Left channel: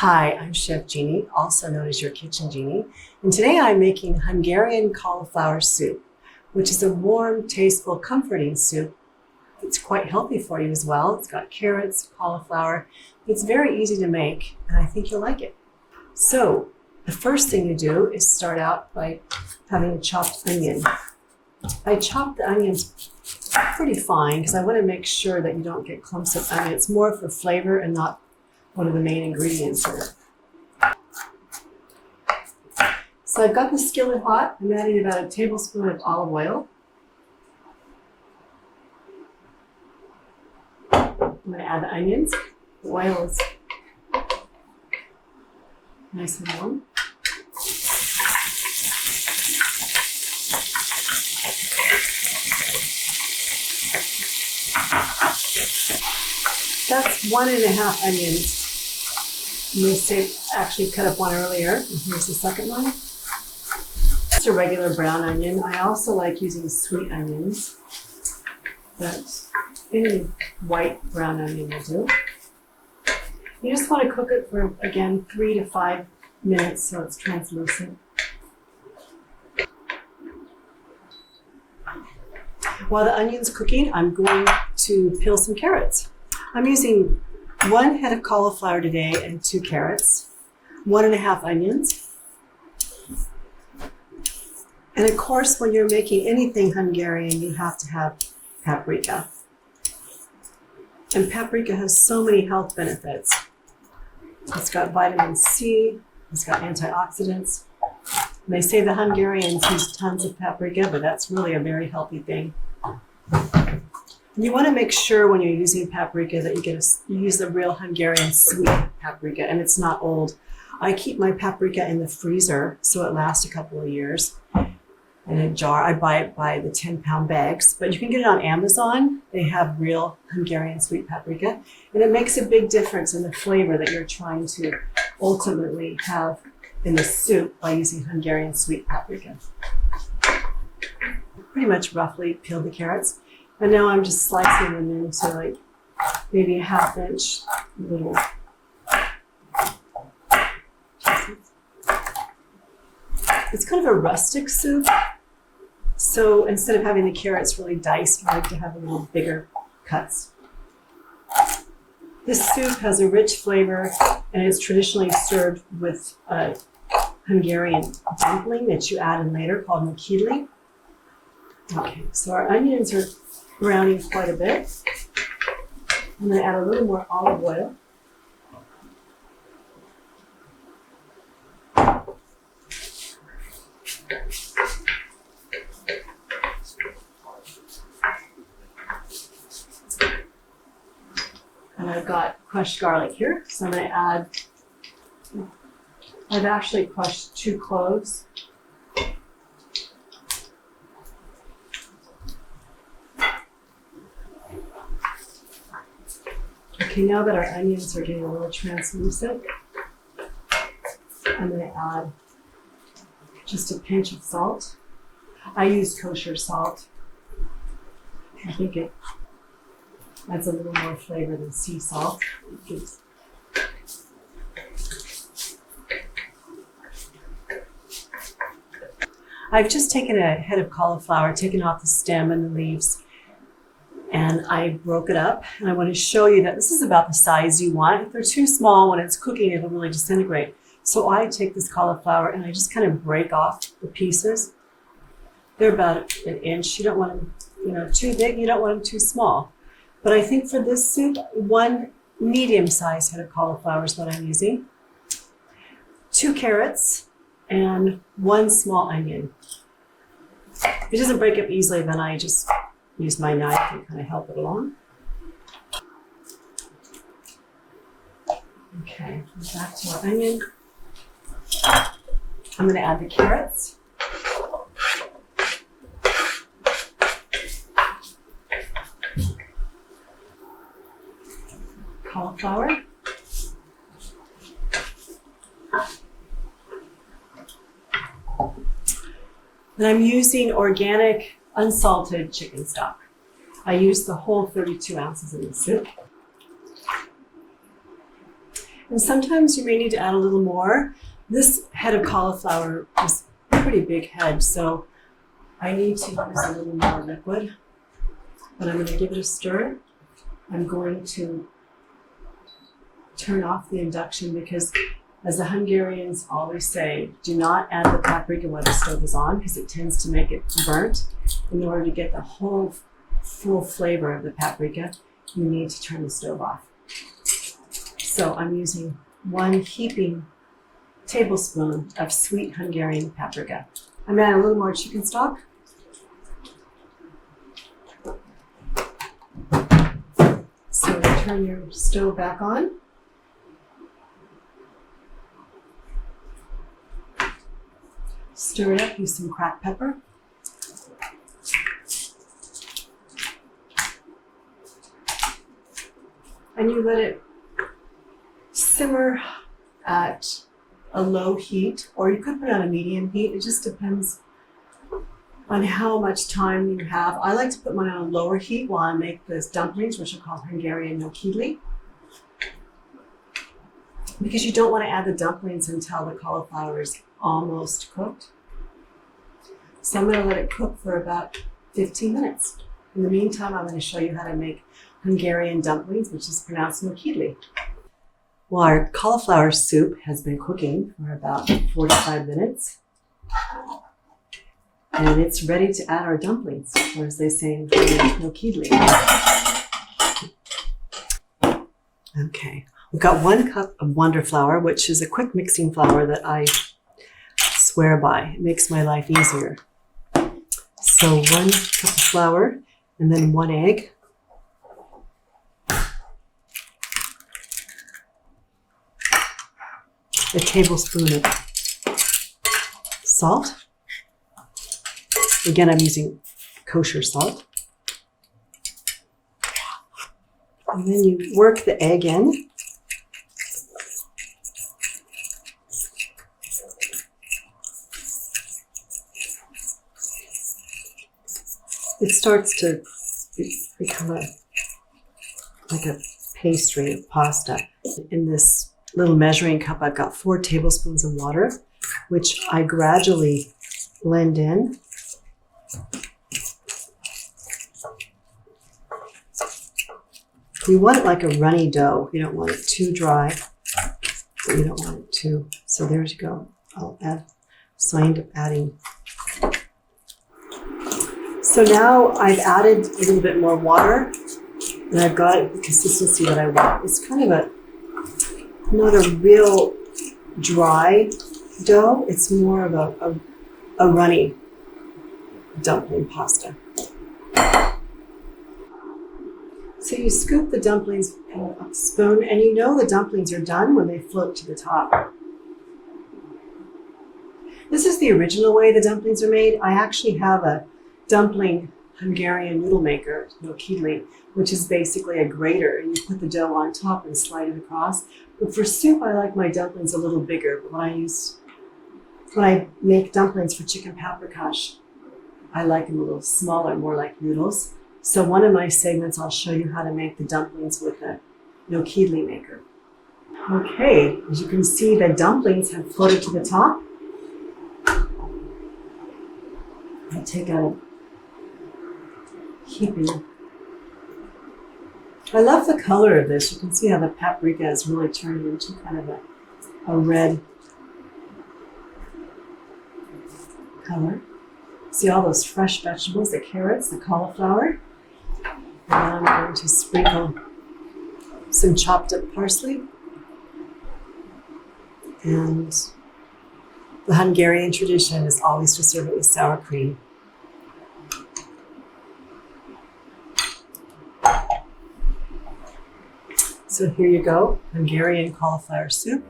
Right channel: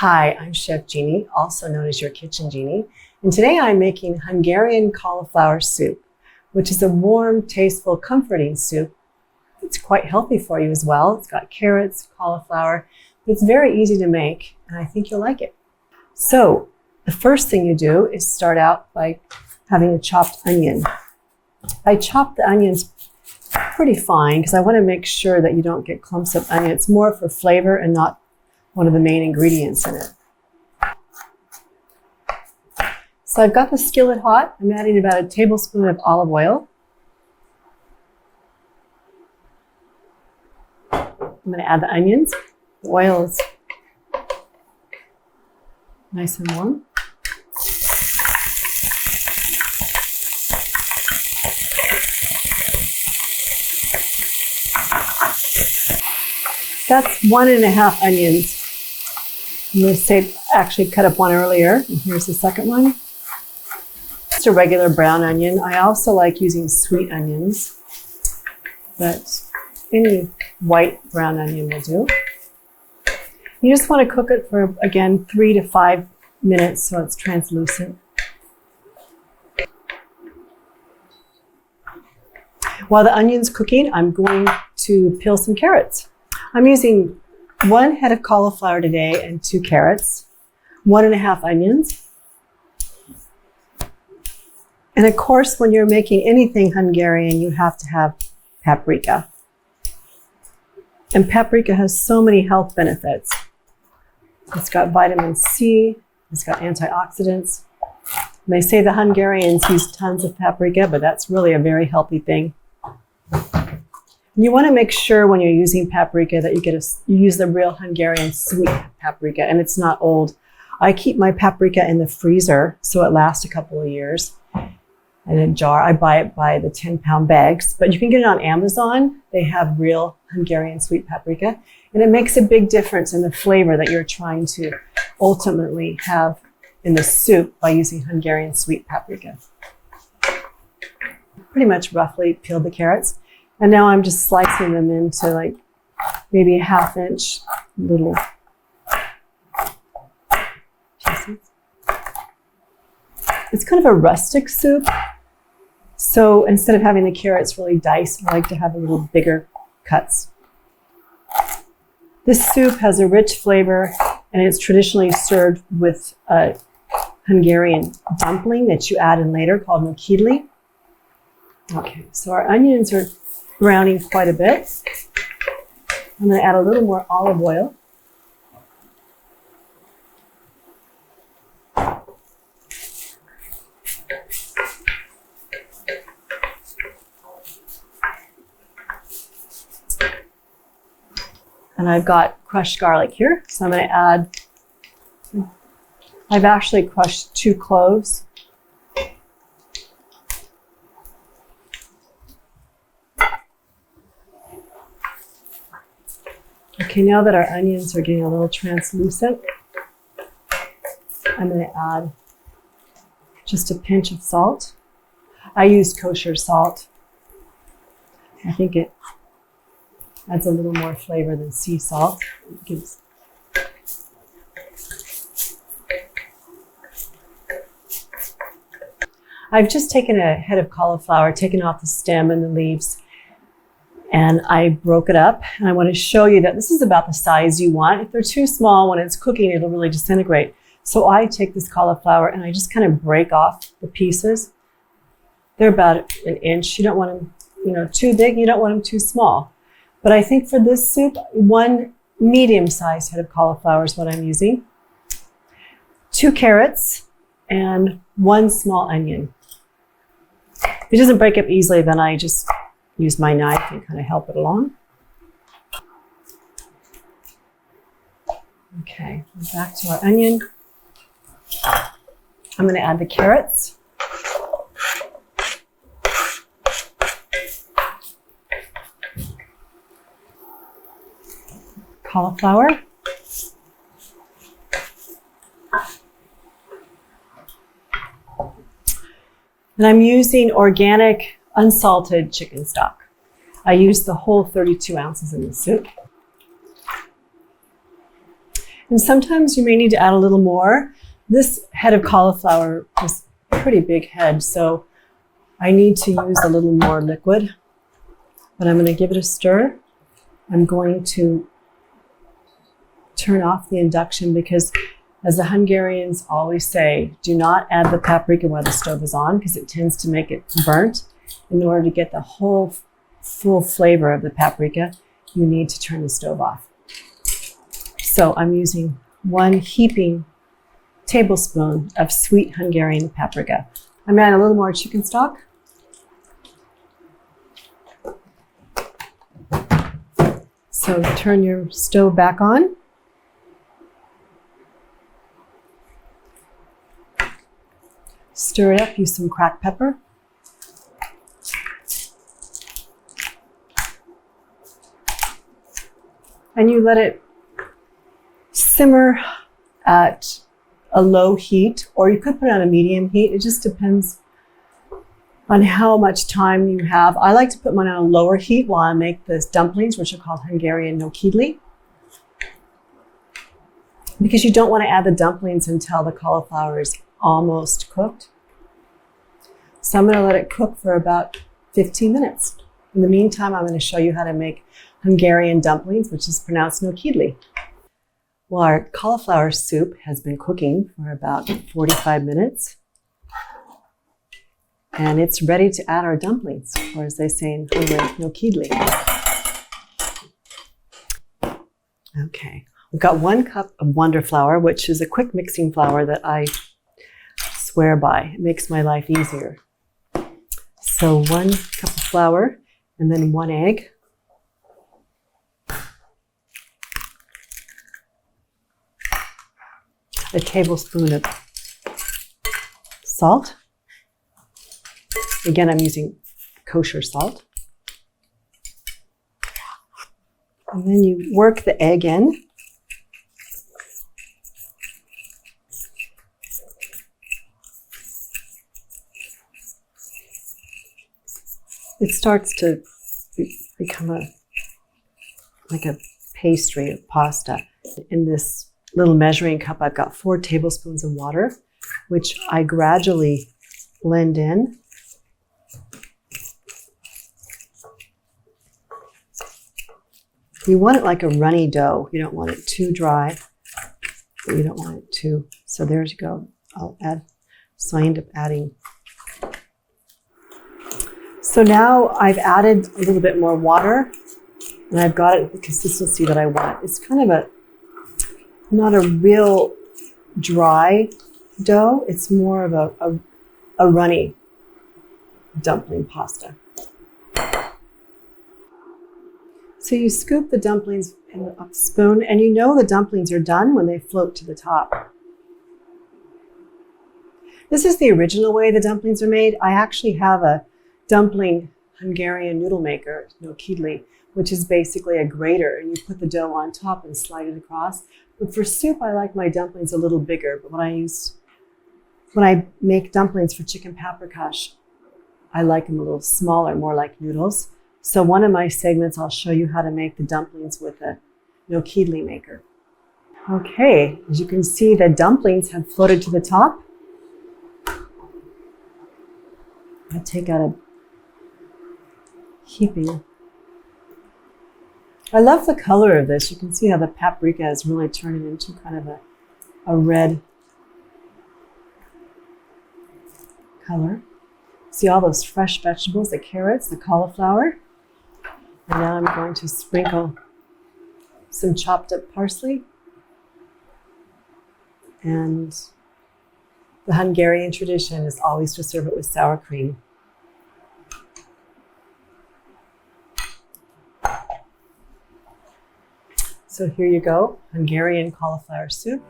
Hi, I'm Chef Jeannie, also known as your Kitchen Jeannie, and today I'm making Hungarian cauliflower soup, which is a warm, tasteful, comforting soup. It's quite healthy for you as well. It's got carrots, cauliflower. It's very easy to make, and I think you'll like it. So the first thing you do is start out by having a chopped onion. I chop the onions pretty fine because I want to make sure that you don't get clumps of onion. It's more for flavor and not one of the main ingredients in it. So I've got the skillet hot. I'm adding about a tablespoon of olive oil. I'm going to add the onions. The oil is nice and warm. That's 1.5 onions. I'm going to actually cut up one earlier. And here's the second one. Just a regular brown onion. I also like using sweet onions, but any white brown onion will do. You just want to cook it for, again, 3 to 5 minutes so it's translucent. While the onion's cooking, I'm going to peel some carrots. I'm using 1 head of cauliflower today and 2 carrots, 1.5 onions. And of course, when you're making anything Hungarian, you have to have paprika. And paprika has so many health benefits. It's got vitamin C, it's got antioxidants. And they say the Hungarians use tons of paprika, but that's really a very healthy thing. You want to make sure when you're using paprika that you use the real Hungarian sweet paprika, and it's not old. I keep my paprika in the freezer so it lasts a couple of years. In a jar, I buy it by the 10-pound bags, but you can get it on Amazon. They have real Hungarian sweet paprika, and it makes a big difference in the flavor that you're trying to ultimately have in the soup by using Hungarian sweet paprika. Pretty much roughly peeled the carrots. And now I'm just slicing them into like maybe a 1/2 inch little pieces. It's kind of a rustic soup. So instead of having the carrots really diced, I like to have a little bigger cuts. This soup has a rich flavor, and it's traditionally served with a Hungarian dumpling that you add in later called Nokedli. Okay, so our onions are browning quite a bit. I'm going to add a little more olive oil. And I've got crushed garlic here, so I'm going to add, I've actually crushed 2 cloves. Okay, now that our onions are getting a little translucent, I'm going to add just a pinch of salt. I use kosher salt. I think it adds a little more flavor than sea salt. I've just taken a head of cauliflower, taken off the stem and the leaves, and I broke it up. And I want to show you that this is about the size you want. If they're too small, when it's cooking, it'll really disintegrate. So I take this cauliflower and I just kind of break off the pieces. They're about 1 inch. You don't want them, too big. You don't want them too small. But I think for this soup, 1 medium-sized head of cauliflower is what I'm using. 2 carrots and 1 small onion. If it doesn't break up easily, then I just use my knife and kind of help it along. Okay, back to our onion. I'm going to add the carrots. Cauliflower. And I'm using organic, unsalted chicken stock. I use the whole 32 ounces in the soup. And sometimes you may need to add a little more. This head of cauliflower is a pretty big head, so I need to use a little more liquid. But I'm going to give it a stir. I'm going to turn off the induction because, as the Hungarians always say, do not add the paprika while the stove is on because it tends to make it burnt. In order to get the whole full flavor of the paprika, you need to turn the stove off. So I'm using 1 heaping tablespoon of sweet Hungarian paprika. I'm adding a little more chicken stock. So turn your stove back on. Stir it up, use some cracked pepper. And you let it simmer at a low heat, or you could put it on a medium heat. It just depends on how much time you have. I like to put mine on a lower heat while I make the dumplings, which are called Hungarian Nokedli, because you don't want to add the dumplings until the cauliflower is almost cooked. So I'm going to let it cook for about 15 minutes. In the meantime, I'm going to show you how to make Hungarian dumplings, which is pronounced Nokedli. Well, our cauliflower soup has been cooking for about 45 minutes. And it's ready to add our dumplings, or as they say in Hungarian, Nokedli. Okay, we've got 1 cup of Wonder Flour, which is a quick mixing flour that I swear by. It makes my life easier. So 1 cup of flour, and then 1 egg. A tablespoon of salt. Again, I'm using kosher salt. And then you work the egg in. It starts to become like a pastry of pasta. In this little measuring cup, I've got 4 tablespoons of water, which I gradually blend in. You want it like a runny dough. You don't want it too dry, but you don't want it too. So there you go. So I end up adding. So now I've added a little bit more water, and I've got it the consistency that I want. It's kind of not a real dry dough. It's more of a runny dumpling pasta. So you scoop the dumplings in a spoon, and you know the dumplings are done when they float to the top. This is the original way the dumplings are made. I actually have a dumpling Hungarian noodle maker, Nokedli, which is basically a grater, and you put the dough on top and slide it across. But for soup, I like my dumplings a little bigger. But when I make dumplings for chicken paprikash, I like them a little smaller, more like noodles. So one of my segments, I'll show you how to make the dumplings with a Nokedli maker. Okay, as you can see, the dumplings have floated to the top. I'll take out a heaping. I love the color of this. You can see how the paprika is really turning into kind of a red color. See all those fresh vegetables, the carrots, the cauliflower. And then I'm going to sprinkle some chopped up parsley. And the Hungarian tradition is always to serve it with sour cream. So here you go, Hungarian cauliflower soup.